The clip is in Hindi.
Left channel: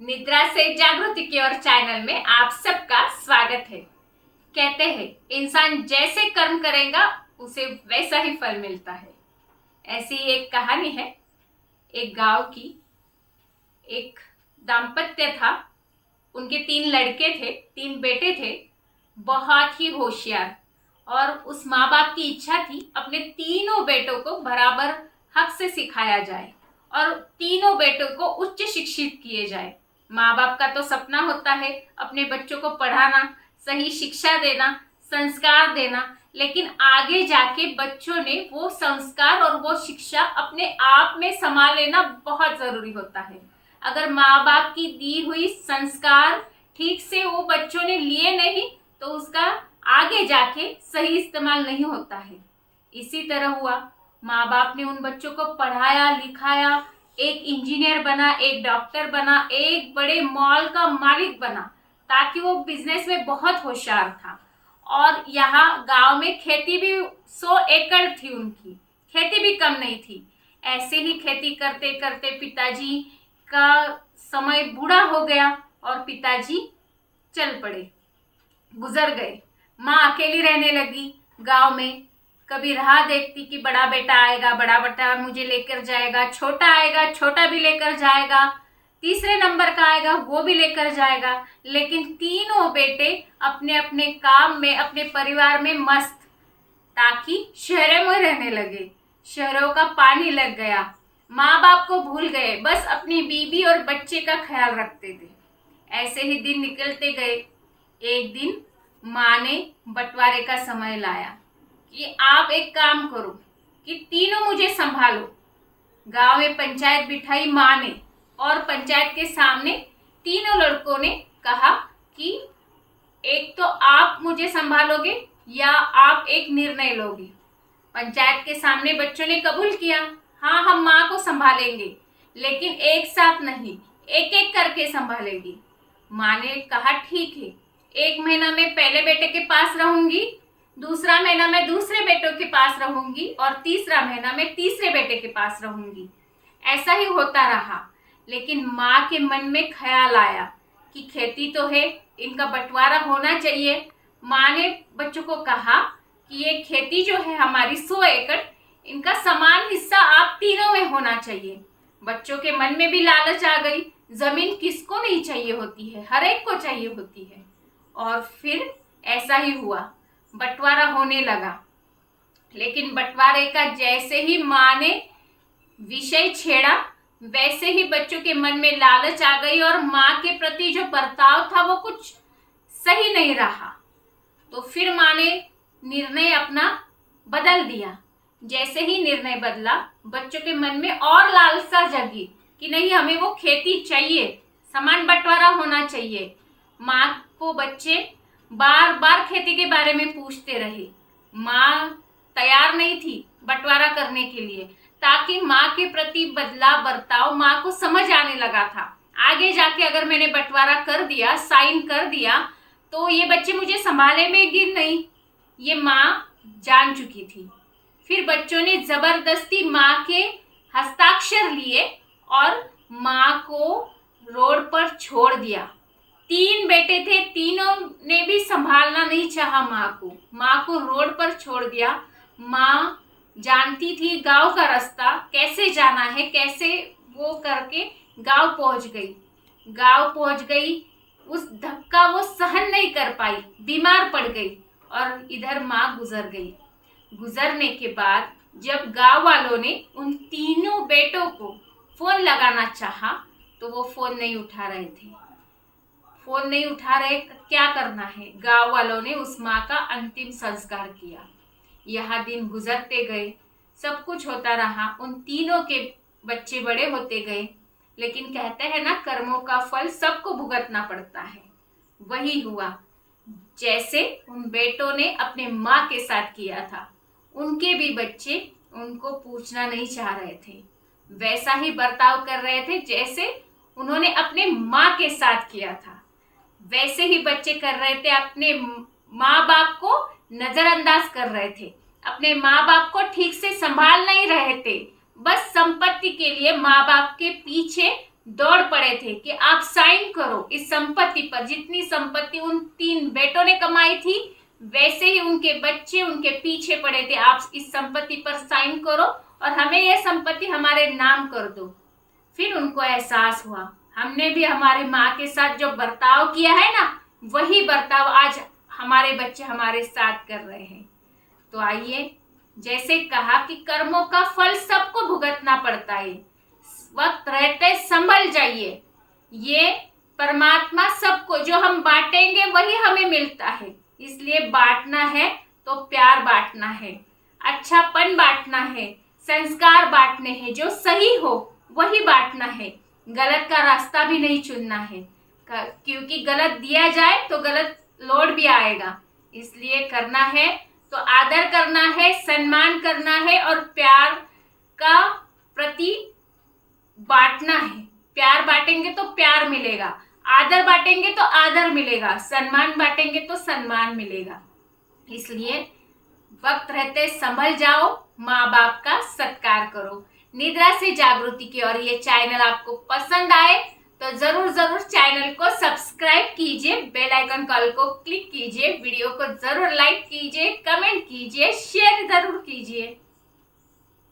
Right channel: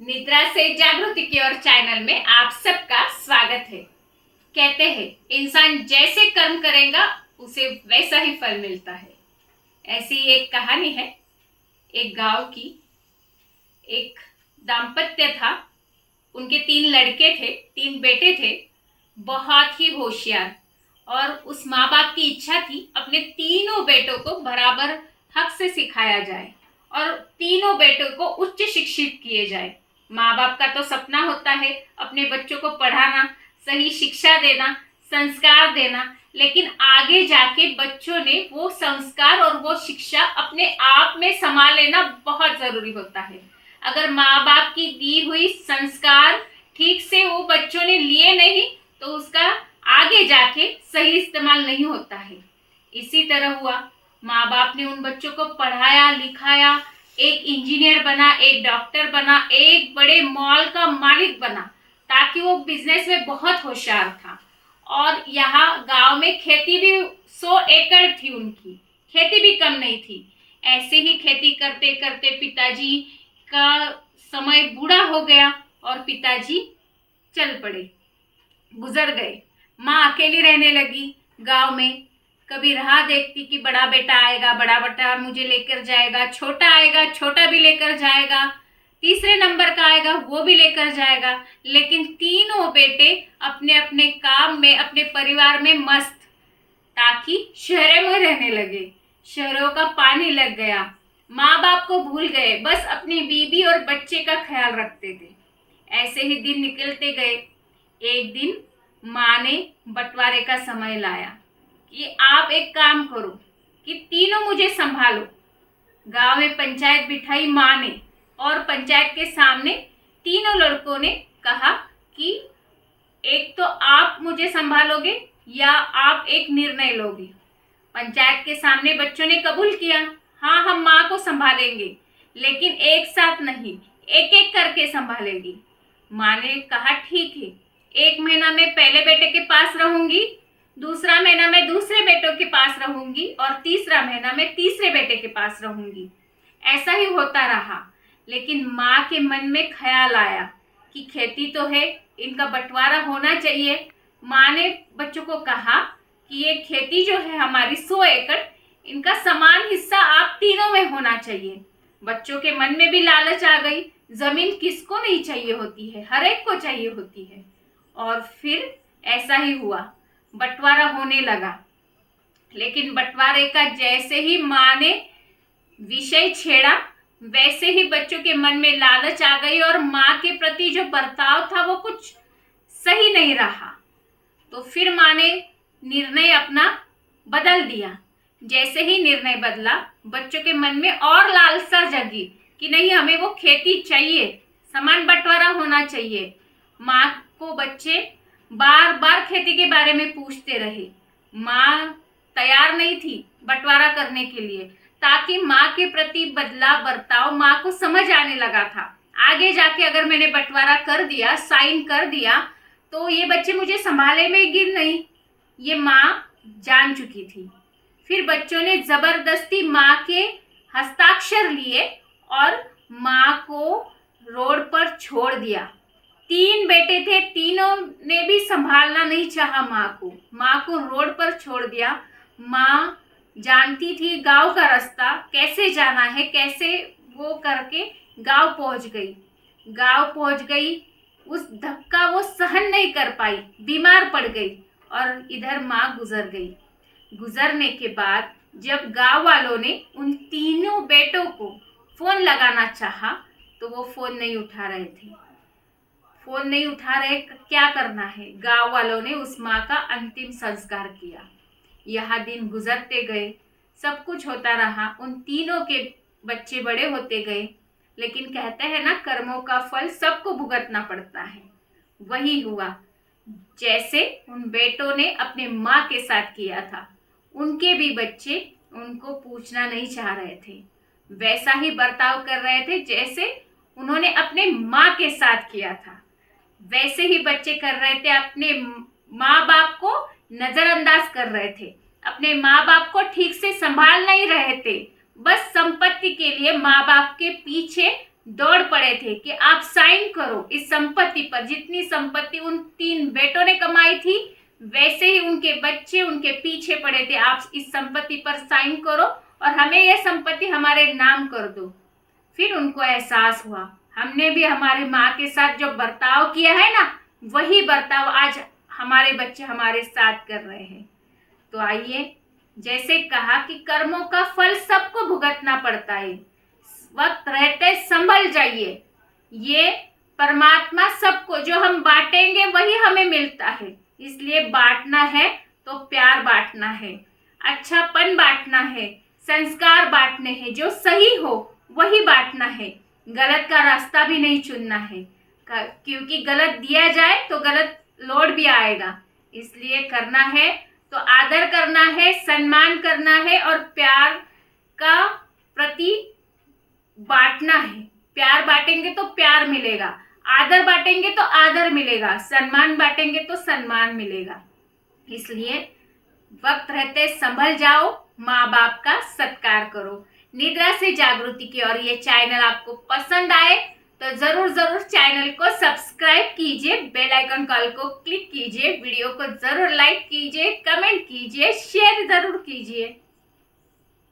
निद्रा से जागृति की ओर चैनल में आप सबका स्वागत है। कहते हैं इंसान जैसे कर्म करेगा उसे वैसा ही फल मिलता है। ऐसी एक कहानी है। एक गांव की एक दाम्पत्य था। उनके 3 लड़के थे, 3 बेटे थे, बहुत ही होशियार। और उस माँ बाप की इच्छा थी अपने तीनों बेटों को बराबर हक से सिखाया जाए और तीनों बेटों को उच्च शिक्षित किए जाए। माँ बाप का तो सपना होता है अपने बच्चों को पढ़ाना, सही शिक्षा देना, संस्कार देना, लेकिन आगे जाके बच्चों ने वो संस्कार और वो शिक्षा अपने आप में संभाल लेना बहुत जरूरी होता है। अगर माँ बाप की दी हुई संस्कार ठीक से वो बच्चों ने लिए नहीं तो उसका आगे जाके सही इस्तेमाल नहीं होता है। इसी तरह हुआ, माँ बाप ने उन बच्चों को पढ़ाया लिखाया, एक इंजीनियर बना, एक डॉक्टर बना, एक बड़े मॉल का मालिक बना, ताकि वो बिजनेस में बहुत होशियार था। और यहाँ गांव में खेती भी 100 एकड़ थी, उनकी खेती भी कम नहीं थी। ऐसे ही खेती करते करते पिताजी का समय बूढ़ा हो गया और पिताजी चल पड़े, गुजर गए। माँ अकेली रहने लगी गांव में। कभी राह देखती कि बड़ा बेटा आएगा, बड़ा बेटा मुझे लेकर जाएगा, छोटा आएगा, छोटा भी लेकर जाएगा, तीसरे नंबर का आएगा, वो भी लेकर जाएगा। लेकिन तीनों बेटे अपने अपने काम में, अपने परिवार में मस्त, ताकि शहरों में रहने लगे। शहरों का पानी लग गया, माँ बाप को भूल गए, बस अपनी बीबी और बच्चे का ख्याल रखते थे। ऐसे ही दिन निकलते गए। एक दिन माँ ने बंटवारे का समय लाया कि आप एक काम करो कि तीनों मुझे संभालो। गांव में पंचायत बिठाई माँ ने और पंचायत के सामने तीनों लड़कों ने कहा कि एक तो आप मुझे संभालोगे या आप एक निर्णय लोगे। पंचायत के सामने बच्चों ने कबूल किया, हाँ हम माँ को संभालेंगे, लेकिन एक साथ नहीं, एक एक करके संभालेगी। माँ ने कहा ठीक है, 1 महीना में पहले बेटे के पास रहूंगी, दूसरा महीना में दूसरे बेटों के पास रहूंगी और तीसरा महीना में तीसरे बेटे के पास रहूंगी। ऐसा ही होता रहा। लेकिन माँ के मन में ख्याल आया कि खेती तो है, इनका बंटवारा होना चाहिए। माँ ने बच्चों को कहा कि ये खेती जो है हमारी 100 एकड़, इनका समान हिस्सा आप तीनों में होना चाहिए। बच्चों के मन में भी लालच आ गई। जमीन किसको नहीं चाहिए होती है, हर एक को चाहिए होती है। और फिर ऐसा ही हुआ, बंटवारा होने लगा। लेकिन बंटवारे का जैसे ही माँ ने विषय छेड़ा, वैसे ही बच्चों के मन में लालच आ गई और माँ के प्रति जो बर्ताव था वो कुछ सही नहीं रहा। तो फिर माँ ने निर्णय अपना बदल दिया। जैसे ही निर्णय बदला, बच्चों के मन में और लालसा जगी कि नहीं, हमें वो खेती चाहिए, समान बंटवारा होना चाहिए। माँ को बच्चे बार बार खेती के बारे में पूछते रहे। माँ तैयार नहीं थी बंटवारा करने के लिए, ताकि माँ के प्रति बदला बर्ताव माँ को समझ आने लगा था। आगे जाके अगर मैंने बंटवारा कर दिया, साइन कर दिया, तो ये बच्चे मुझे संभाले में गिर नहीं, ये माँ जान चुकी थी। फिर बच्चों ने जबरदस्ती माँ के हस्ताक्षर लिए और माँ को रोड पर छोड़ दिया। 3 बेटे थे, तीनों ने भी संभालना नहीं चाहा माँ को रोड पर छोड़ दिया। माँ जानती थी गांव का रास्ता कैसे जाना है, कैसे वो करके गांव पहुंच गई। उस धक्का वो सहन नहीं कर पाई, बीमार पड़ गई और इधर माँ गुजर गई। गुजरने के बाद जब गांव वालों ने उन तीनों बेटों को फोन लगाना चाहा तो वो फोन नहीं उठा रहे थे। क्या करना है? गांव वालों ने उस माँ का अंतिम संस्कार किया। यहाँ दिन गुजरते गए, सब कुछ होता रहा, उन तीनों के बच्चे बड़े होते गए। लेकिन कहते हैं ना, कर्मों का फल सबको भुगतना पड़ता है। वही हुआ, जैसे उन बेटों ने अपने माँ के साथ किया था, उनके भी बच्चे उनको पूछना नहीं चाह रहे थे, वैसा ही बर्ताव कर रहे थे जैसे उन्होंने अपने माँ के साथ किया था। वैसे ही बच्चे कर रहे थे, अपने माँ बाप को नजरअंदाज कर रहे थे, अपने माँ बाप को ठीक से संभाल नहीं रहे थे। बस संपत्ति के लिए माँ बाप के पीछे दौड़ पड़े थे कि आप साइन करो इस संपत्ति पर। जितनी संपत्ति उन 3 बेटों ने कमाई थी, वैसे ही उनके बच्चे उनके पीछे पड़े थे, आप इस संपत्ति पर साइन करो और हमें यह संपत्ति हमारे नाम कर दो। फिर उनको एहसास हुआ, हमने भी हमारी माँ के साथ जो बर्ताव किया है ना, वही बर्ताव आज हमारे बच्चे हमारे साथ कर रहे हैं। तो आइए, जैसे कहा कि कर्मों का फल सबको भुगतना पड़ता है, वक्त रहते संभल जाइए। ये परमात्मा सबको जो हम बांटेंगे वही हमें मिलता है, इसलिए बांटना है तो प्यार बांटना है, अच्छापन बांटना है, संस्कार बांटने हैं, जो सही हो वही बांटना है। गलत का रास्ता भी नहीं चुनना है, क्योंकि गलत दिया जाए तो गलत लौट भी आएगा। इसलिए करना है तो आदर करना है, सम्मान करना है और प्यार का प्रति बांटना है। प्यार बांटेंगे तो प्यार मिलेगा, आदर बांटेंगे तो आदर मिलेगा, सम्मान बांटेंगे तो सम्मान मिलेगा। इसलिए वक्त रहते संभल जाओ, माँ बाप का सत्कार करो। निद्रा से जागृति की और ये चैनल आपको पसंद आए तो जरूर चैनल को सब्सक्राइब कीजिए, बेल आइकन कॉल को क्लिक कीजिए, वीडियो को जरूर लाइक कीजिए, कमेंट कीजिए, शेयर जरूर कीजिए।